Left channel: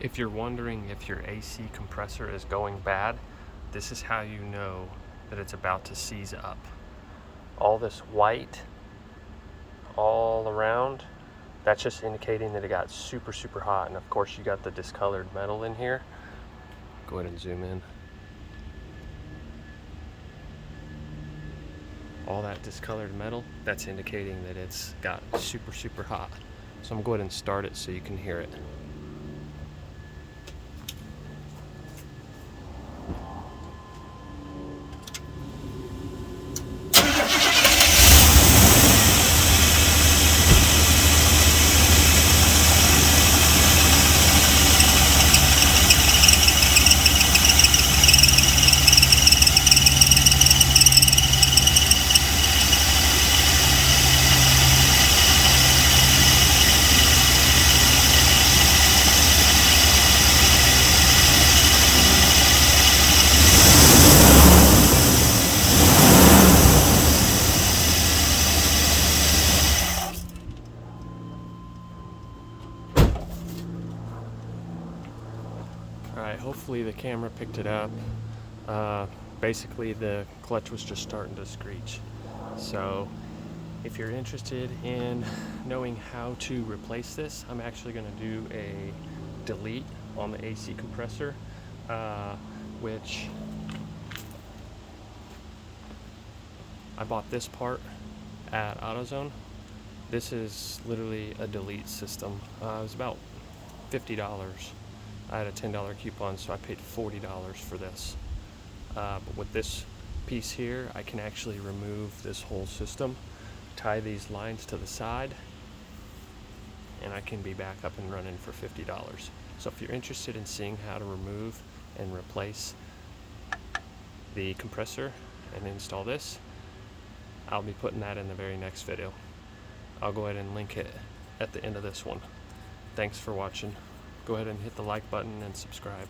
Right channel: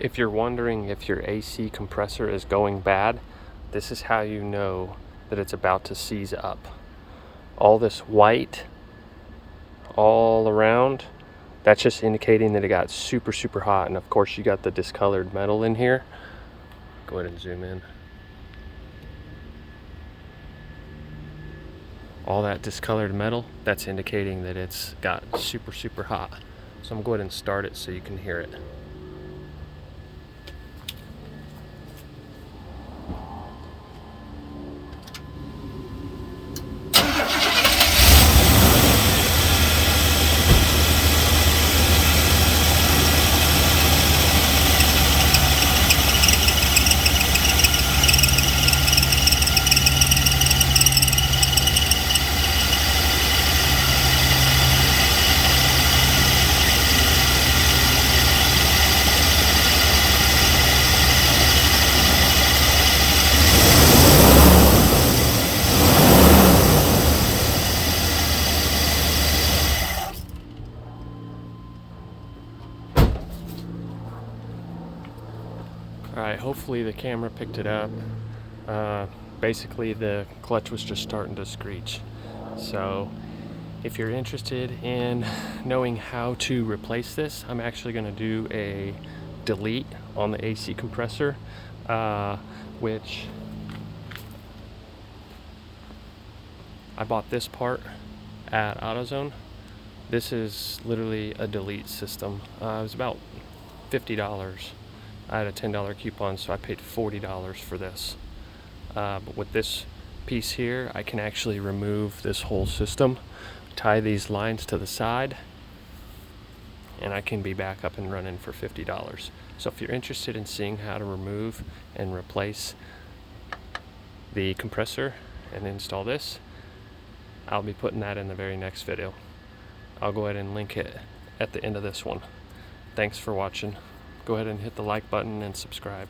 If you're wondering if your AC compressor is going bad, this is how you know that it's about to seize up. All this white all around, that's just indicating that it got super, super hot. And of course you got the discolored metal in here. Go ahead and zoom in. All that discolored metal, that's indicating that it's got super, super hot. So I'm going to go ahead and start it so you can hear it. Alright, hopefully the camera picked it up. Basically the clutch was just starting to screech. So if you're interested in knowing how to replace this, I'm actually going to do a delete on the AC compressor, which I bought this part at AutoZone. This is literally a delete system. It was about $50. I had a $10 coupon, so I paid $40 for this. But with this piece here, I can actually remove this whole system, tie these lines to the side, and I can be back up and running for $50. So if you're interested in seeing how to remove and replace the compressor and install this, I'll be putting that in the very next video. I'll go ahead and link it at the end of this one. Thanks for watching. Go ahead and hit the like button and subscribe.